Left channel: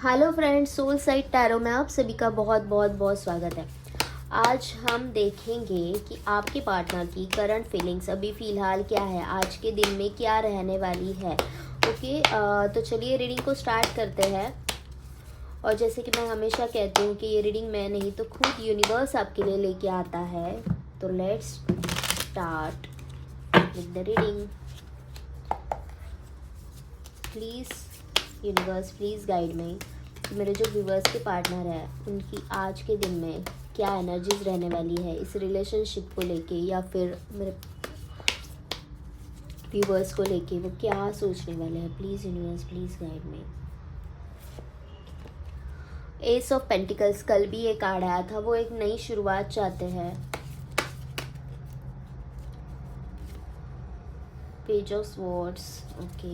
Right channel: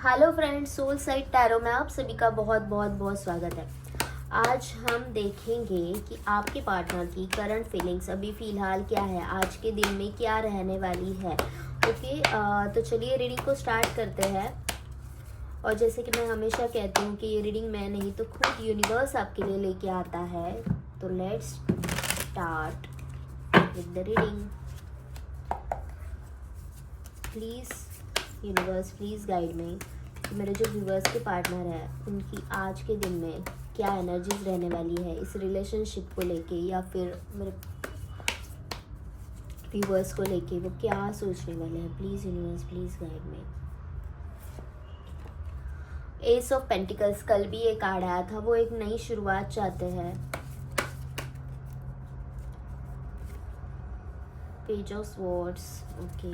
Hello friends, soul side tarot में आप सभी का बहुत बहुत बहुत स्वागत है। आज हम देखेंगे कि आपके पार्टनर की करंट फीलिंग्स अभी फ़िलहाल क्या है, आज के दिन में क्या रहने वाली है। ओके, तो चलिए रीडिंग को स्टार्ट करते हैं। और जैसे कि मैं हमेशा कहती हूँ कि ये रीडिंग मैं नहीं तो खुद यूनिवर्स आपके लिए लेके आता है। तो let's start with the reading. Please universe, please guide me. मेरे जो व्यूवर्स के पार्टनर है उनकी आज के दिन में क्या एनर्जीज रहने वाली है इस रिलेशनशिप को लेके, या फिर मेरे व्यूवर्स को लेके वो क्या सोचने वाले हैं। Please universe, please guide me. S of pentacles, कल भी एक कार्ड आया था, वो एक नई शुरुआत चाहते हैं। Page of swords, okay.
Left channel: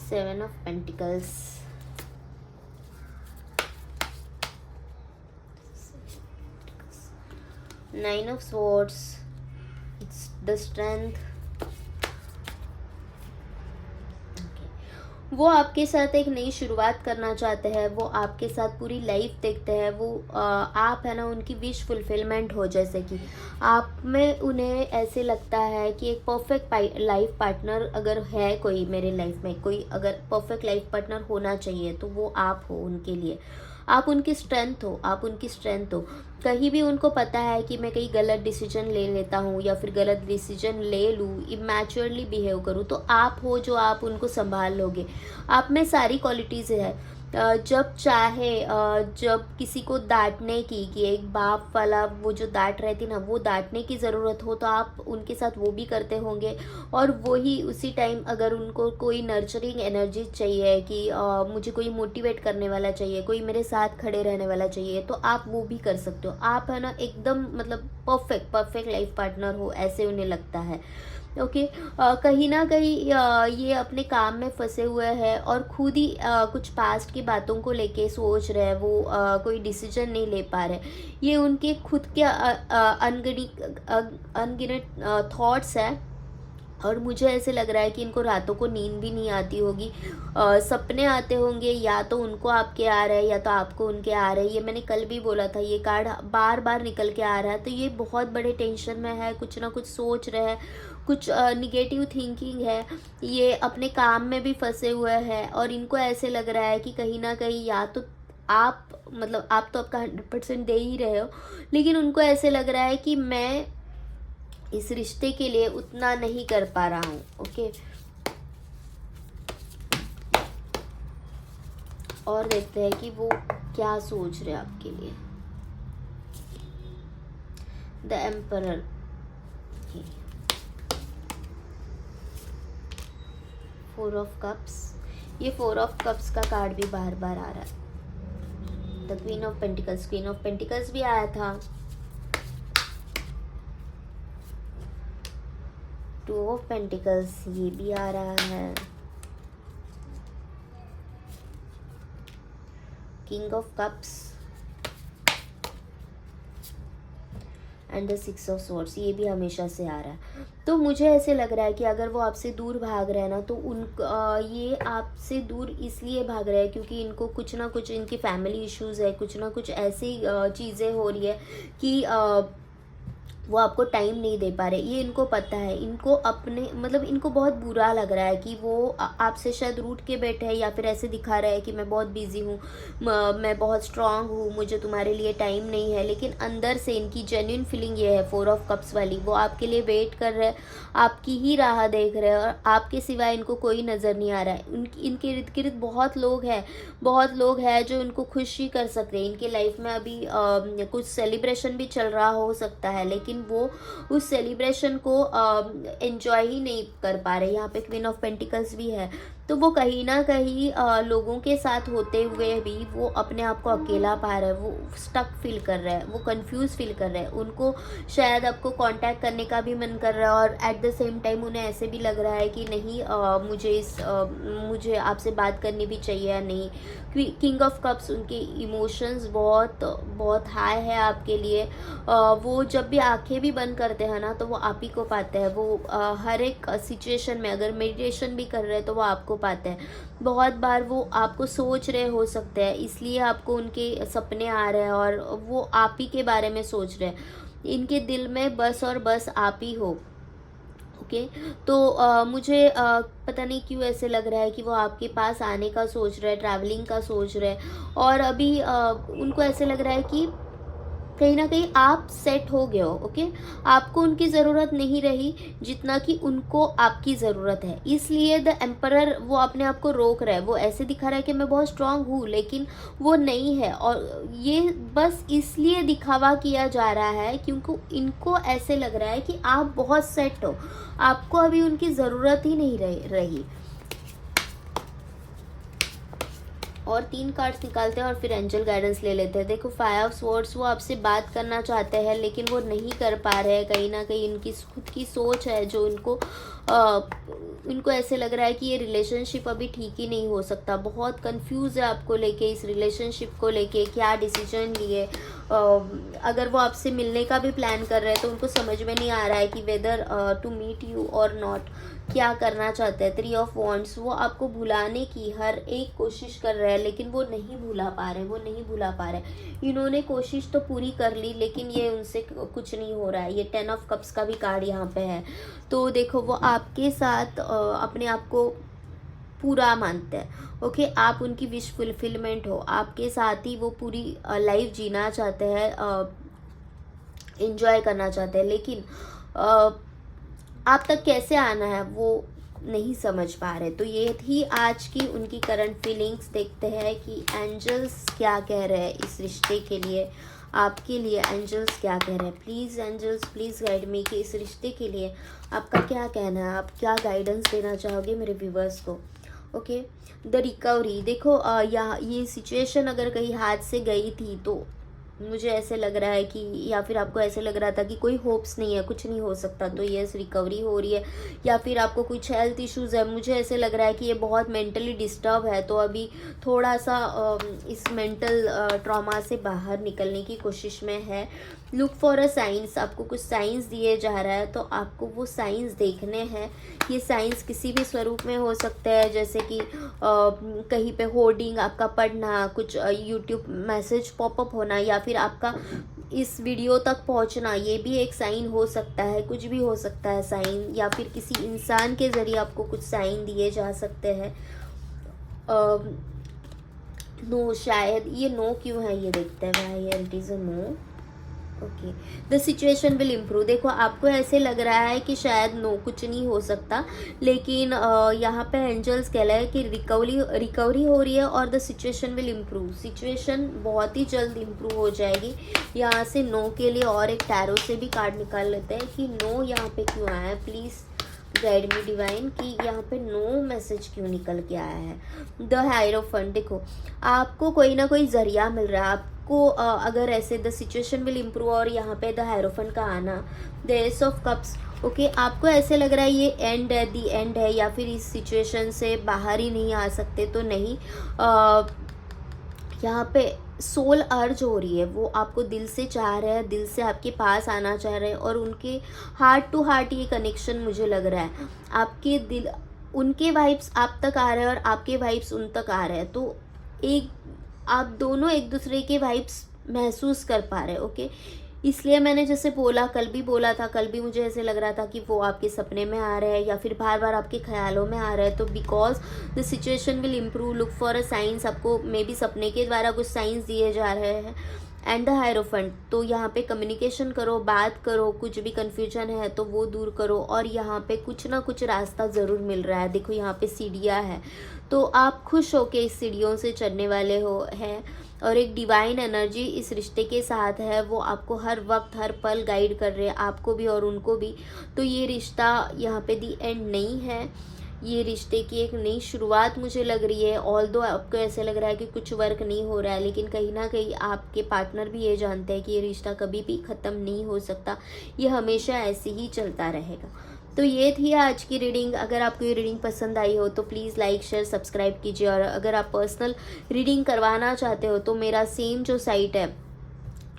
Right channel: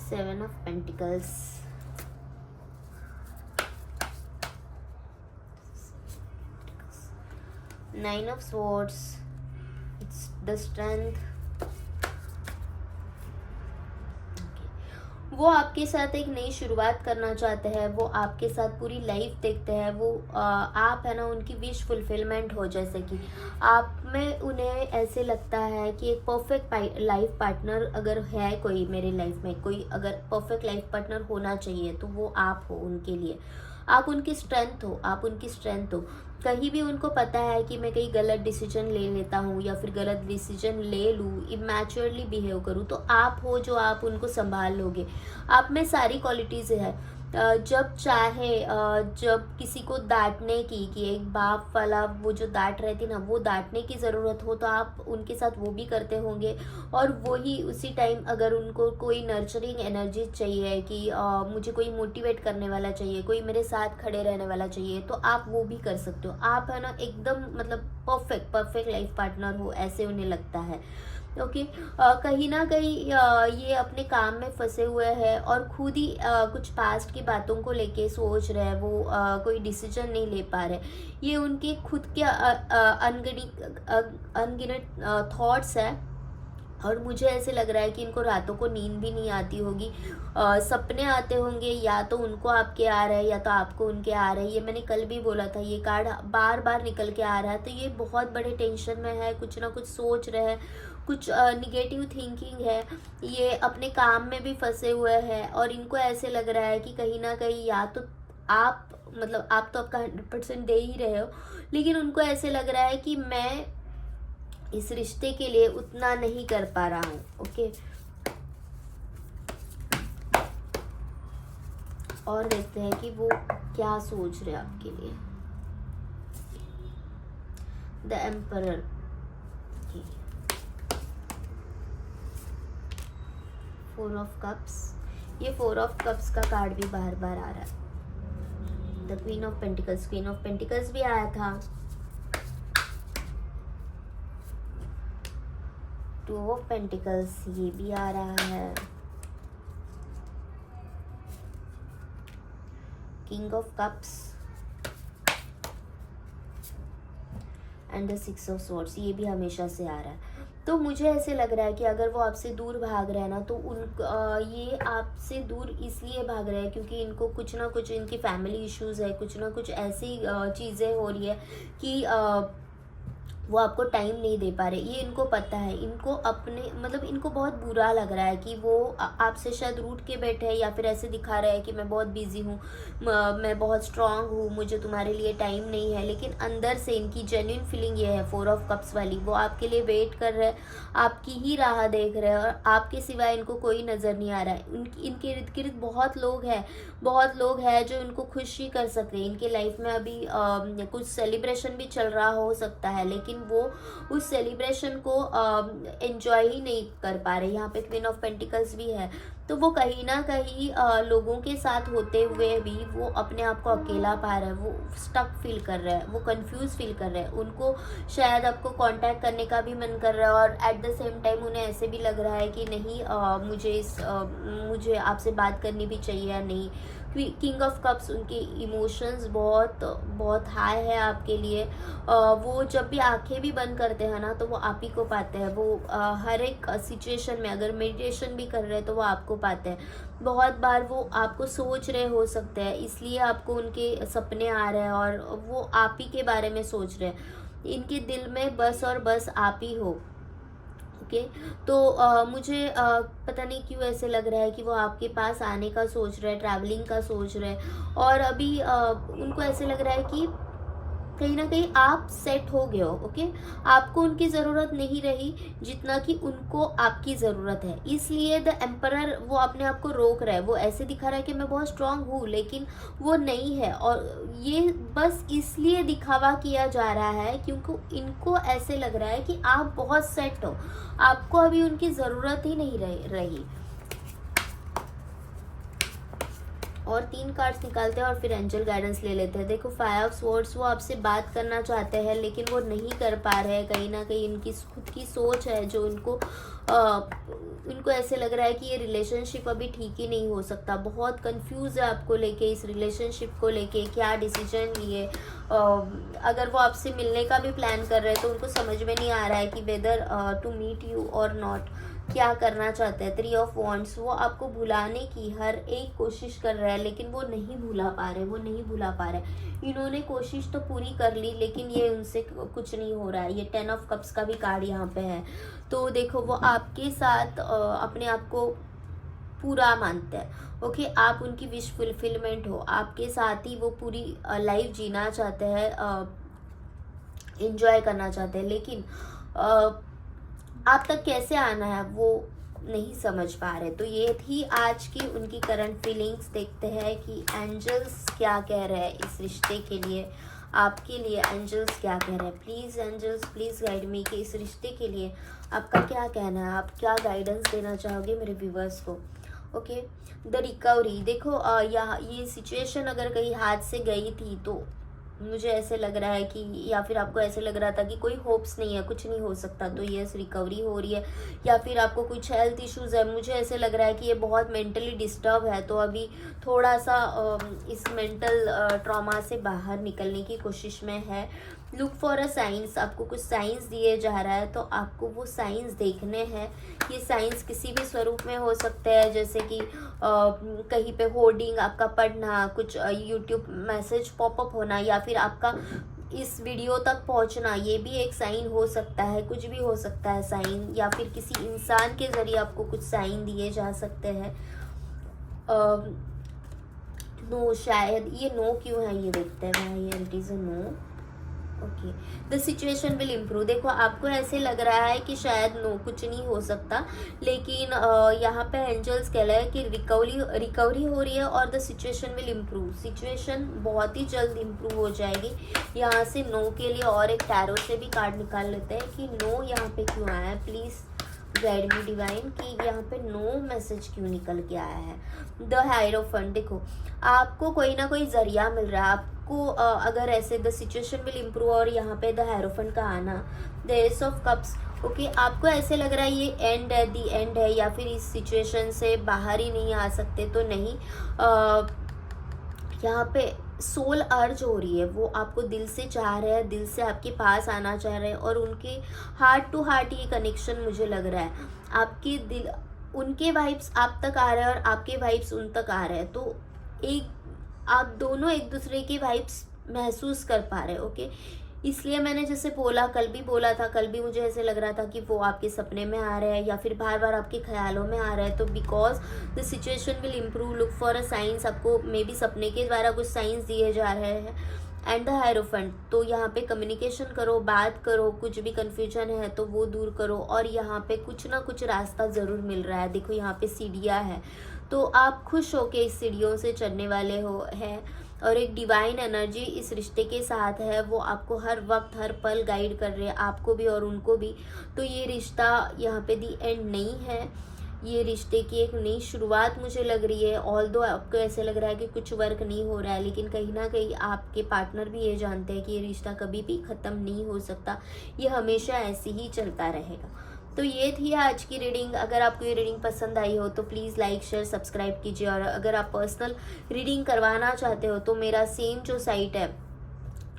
Seven of pentacles, nine of swords, the strength. वो आपके साथ एक नई शुरुआत करना चाहते हैं, वो आपके साथ पूरी लाइफ देखते हैं। वो आप है ना, उनकी विश फुलफिलमेंट हो। जैसे कि आप में उन्हें ऐसे लगता है कि एक परफेक्ट लाइफ पार्टनर अगर है कोई मेरे लाइफ में, कोई अगर परफेक्ट लाइफ पार्टनर होना चाहिए तो वो आप हो उनके लिए। आप उनकी स्ट्रेंथ हो, आप उनकी स्ट्रेंथ हो। कहीं भी उनको पता है कि मैं कहीं गलत डिसीजन ले लेता हूँ या फिर गलत डिसीजन ले लूँ, इमैच्योरली बिहेव करूँ, तो आप हो जो आप उनको संभाल लोगे। आप में सारी क्वालिटीज़ है। जब चाहे जब किसी को डांटने की, कि एक बाप वाला वो जो डांट रहती ना, वो डांटने की ज़रूरत हो तो आप उनके साथ वो भी करते होंगे। और वही उसी टाइम अगर उनको कोई नर्चरिंग एनर्जी चाहिए कि मुझे कोई मोटिवेट करने वाला चाहिए, कोई मेरे साथ खड़े रहने वाला चाहिए, तो आप वो भी कर सकते हो। आप है ना एकदम मतलब परफेक्ट परफेक्ट लाइफ पार्टनर हो, ऐसे उन्हें लगता है। ओके, कहीं ना कहीं ये अपने काम में फंसे हुए हैं और खुद ही कुछ पास्ट की बातों को लेके सोच रहे हैं। वो कोई डिसीजन नहीं ले पा रहे। ये उनके खुद के अनगिनत थॉट्स हैं। और मुझे ऐसे लग रहा है कि इनको रातों को नींद भी नहीं आती होगी। सपने आते होंगे, या तो उनको आपके आ रहे हैं या तो आपको उनके आ रहे हैं। ये मैंने कल भी बोला था, ये कार्ड बार बार निकल के आ रहा है। तो ये बहुत बड़े टेंशन में है, कुछ ना कुछ सोच रहे हैं, कुछ निगेटिव थिंकिंग है। ये अपने काम में भी फंसे हुए हैं और इनको ऐसे लग रहा है कि कहीं ना कहीं या तो आप, मतलब आप तो आपका 100% दे ही रहे हो, लेकिन उनको ऐसे लग रहा है कि मैं इस रिश्ते के लिए उतना नहीं कर पा रहा हूँ। ओके, और देखते हैं कि वो क्या सोच रहे हैं आपके लिए। The emperor, four of cups. ये फोर ऑफ कप्स का कार्ड भी बार बार आ रहा है। The queen of pentacles, queen of pentacles भी आया था। टू ऑफ पेंटिकल्स, ये भी आ रहा है। King of cups and the six of swords, ये भी हमेशा से आ रहा है। तो मुझे ऐसे लग रहा है कि अगर वो आपसे दूर भाग रहे हैं ना, तो ये आपसे दूर इसलिए भाग रहे हैं क्योंकि इनको कुछ ना कुछ, इनकी फैमिली इश्यूज है, कुछ ना कुछ ऐसी चीज़ें हो रही है कि वो आपको टाइम नहीं दे पा रहे। ये इनको पता है। इनको अपने मतलब इनको बहुत बुरा लग रहा है कि वो आपसे शायद रूठ के बैठे हैं, या फिर ऐसे दिखा रहे हैं कि मैं बहुत बिजी हूँ, मैं बहुत स्ट्रांग हूँ, मुझे तुम्हारे लिए टाइम नहीं है। लेकिन अंदर से इनकी जेन्युइन फीलिंग ये है, फोर ऑफ कप्स वाली, वो आपके लिए वेट कर रहे हैं, आपकी ही राह देख रहे हैं, और आपके सिवाय इनको कोई नज़र नहीं आ रहा है। इनके इर्द गिर्द बहुत लोग हैं, बहुत लोग हैं जो इनको खुशी कर सकते हैं। इनके लाइफ में अभी कुछ सेलिब्रेशन भी चल रहा हो सकता है, लेकिन वो उस सेलिब्रेशन को एंजॉय ही नहीं कर पा रहे। यहाँ पे क्वीन ऑफ पेंटिकल्स भी है। तो वो कहीं ना कहीं लोगों के साथ होते हुए भी वो अपने आप को अकेला पा रहे हैं, वो स्टक फील कर रहे हैं, वो कंफ्यूज फील कर रहे हैं। उनको शायद आपको कांटेक्ट करने का भी मन कर रहा है, और एट द सेम टाइम उन्हें ऐसे भी लग रहा है कि नहीं, मुझे आपसे बात करनी भी चाहिए या नहीं। किंग ऑफ कप्स, उनके इमोशंस बहुत बहुत हाई है आपके लिए। वो जब भी आंखें भी बंद करते हैं ना तो वो आप ही को पाते हैं। वो हर एक सिचुएशन में अगर मेडिटेशन भी कर रहे हैं तो वो आपको पाते हैं। बहुत बार वो आपको सोच रहे हो सकते हैं, इसलिए आपको उनके सपने आ रहे हैं और वो आप ही के बारे में सोच रहे हैं। इनके दिल में बस और बस आप ही हो। ओके, तो मुझे पता नहीं क्यों ऐसे लग रहा है कि वो आपके पास आने का सोच रहे हैं, ट्रैवलिंग का सोच रहे हैं। और अभी उनको ऐसे लग रहा है कि कहीं ना कहीं आप सेट हो गए हो। ओके, आपको उनकी ज़रूरत नहीं रही जितना कि उनको आपकी ज़रूरत है। इसलिए द एम्परर वो अपने आप को रोक रहा है। वो ऐसे दिखा रहा है कि मैं बहुत स्ट्रांग हूँ, लेकिन वो नहीं है। और ये बस इसलिए दिखावा किया जा रहा है क्योंकि इनको ऐसे लग रहा है कि आप बहुत सेट हो, आपको अभी उनकी ज़रूरत ही नहीं रही। और 3 कार्ड्स निकालते हैं और फिर एंजल गाइडेंस ले लेते हैं। देखो 5 ऑफ स्वॉर्ड्स, वो आपसे बात करना चाहते हैं लेकिन वो नहीं कर पा रहे हैं। कहीं ना कहीं इनकी खुद की सोच है जो इनको ऐसे लग रहा है कि ये रिलेशनशिप अभी ठीक ही नहीं हो सकता। बहुत कंफ्यूज है आपको लेके, इस रिलेशनशिप को लेके क्या डिसीजन लिए। अगर वो आपसे मिलने का भी प्लान कर रहे हैं तो उनको समझ में नहीं आ रहा है कि वेदर टू मीट यू और नॉट, क्या करना चाहते हैं। 3 ऑफ वॉन्ड्स, वो आपको भुलाने की हर एक कोशिश कर रहे हैं लेकिन वो नहीं भुला पा रहे। इन्होंने कोशिश तो पूरी कर ली लेकिन ये उनसे कुछ नहीं हो रहा है। ये 10 ऑफ कप्स का भी कार्ड यहाँ पे है। तो देखो वो आपके साथ अपने आप को पूरा मानते हैं। ओके, आप उनकी विश फुलफिलमेंट हो, आपके साथ ही वो पूरी लाइफ जीना चाहते हैं, एंजॉय करना चाहते हैं। लेकिन आप तक कैसे आना है वो नहीं समझ पा रहे। तो ये थी आज की उनकी करंट फीलिंग्स। देखते हैं कि एंजल्स क्या कह रहे हैं इस रिश्ते के लिए, आपके लिए एंजल्स क्या कह रहे हैं। Please angels, please guide me कि इस रिश्ते के लिए आपका क्या कहना है, आप क्या गाइडेंस देना चाहोगे मेरे व्यूवर्स को। ओके, द रिकवरी, देखो ये सिचुएशन अगर कहीं हाथ से गई थी तो मुझे ऐसे लग रहा है कि, या फिर आपको ऐसे लग रहा था कि कोई होप्स नहीं है, कुछ नहीं हो सकता, तो यस रिकवरी हो रही है। या फिर आपको कुछ हेल्थ इश्यूज है, मुझे ऐसे लग रहा है कि ये बहुत मेंटली डिस्टर्ब है, तो अभी थोड़ा सा इस मेंटल ट्रॉमा से बाहर निकलने की कोशिश में है। लुक फॉर अ साइंस, आपको कुछ साइंस दिए जा रहा है तो आपको वो साइंस देखने हैं। ये साइंस किसी भी स्वरूप में हो सकते हैं, जैसे कि कहीं पे होर्डिंग आपका पढ़ना, कुछ यूट्यूब मैसेज पॉपअप होना, या फिर आपका इस वीडियो तक पहुंचना, ये भी एक साइन हो सकता है। कुछ भी हो सकता है साइन, या फिर किसी इंसान के जरिए आपको कुछ साइन दिए जा सकते हैं। नो, शायद ये नो क्यों है ये देखते हैं। Why it is a no. Okay, the situation will improve, देखो आपको ऐसे लग रहा है कि शायद नो कुछ नहीं हो सकता, लेकिन यहाँ पे एंजल्स कह रहे हैं कि रिकवरी हो रही है और the situation will improve, situation बहुत ही जल्द इम्प्रूव हो जाएगी। यहाँ से नो के लिए और एक टैरो से भी कार्ड निकाल लेते हैं कि नो यहाँ पे क्यों आया है। प्लीज गाइड मी डिवाइन कि यहाँ पे नो मैसेज क्यों निकल के आया है। द हायरोफेंट, देखो आपको कोई ना कोई जरिया मिल रहा है आपको। अगर ऐसे द सिचुएशन विल इम्प्रूव और यहाँ पे द हायरोफेंट का आना, the S of cups, okay आपको ऐसे लग रहा है ये एंड है, दी एंड है, या फिर इस सिचुएशन से बाहर ही नहीं आ सकते, तो नहीं। यहाँ पे सोल अर्ज हो रही है, वो आपको दिल से चाह रहे हैं, दिल से आपके पास आना चाह रहे हैं, और उनके हार्ट टू हार्ट ये कनेक्शन मुझे लग रहा है। आपके दिल, उनके वाइब्स आप तक आ रहे हैं और आपके वाइब्स उन तक आ रहे हैं, तो एक आप दोनों एक दूसरे के वाइब्स महसूस कर पा रहे हैं। ओके, इसलिए मैंने जैसे बोला, कल भी बोला था, कल भी मुझे ऐसे लग रहा था कि वो आपके सपने में आ रहे हैं या फिर बार बार आपके ख्यालों में आ रहे हैं। तो because the situation will improve, look for a science, आपको मे बी सपने के द्वारा कुछ साइंस दिए जा रहे हैं। एंड द हायरोफेंट, तो यहाँ पे कम्युनिकेशन करो, बात करो, कुछ भी कन्फ्यूजन है तो वो दूर करो, और यहाँ पे कुछ ना कुछ रास्ता ज़रूर मिल रहा है। देखो यहाँ पे सीढ़ियाँ है, तो आप खुश हो के इस सीढ़ियों से चढ़ने वाले हो है, और एक डिवाइन एनर्जी इस रिश्ते के साथ है, वो आपको हर वक्त हर पल गाइड कर रहे हैं, आपको भी और उनको भी। तो ये रिश्ता यहाँ पे दी एंड नहीं है, ये रिश्ते की एक नई शुरुआत मुझे लग रही है। ऑल्दो आपको ऐसे लग रहा है कि कुछ वर्क नहीं हो रहा है, लेकिन कहीं ना कहीं आपके पार्टनर भी ये जानते हैं कि ये रिश्ता कभी भी ख़त्म नहीं हो सकता, ये हमेशा ऐसे ही चलता रहेगा। तो ये थी आज की रीडिंग। अगर आपको ये रीडिंग पसंद आई हो तो प्लीज़ लाइक शेयर सब्सक्राइब कीजिए, और अगर आप पर्सनल रीडिंग करवाना चाहते हो तो मेरा सेम जो साइट है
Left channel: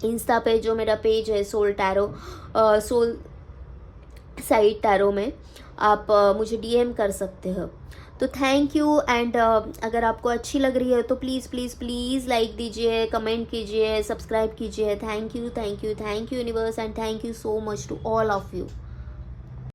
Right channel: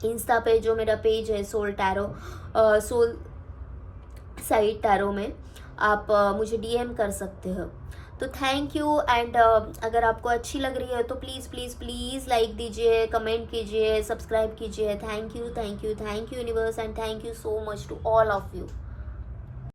इंस्टा पे जो मेरा पेज है soul tarot, soul side tarot में आप मुझे डीएम कर सकते हो। तो थैंक यू। एंड अगर आपको अच्छी लग रही है तो प्लीज़ प्लीज़ प्लीज़ लाइक दीजिए, कमेंट कीजिए, सब्सक्राइब कीजिए। Thank you universe, and thank you so much to all of you.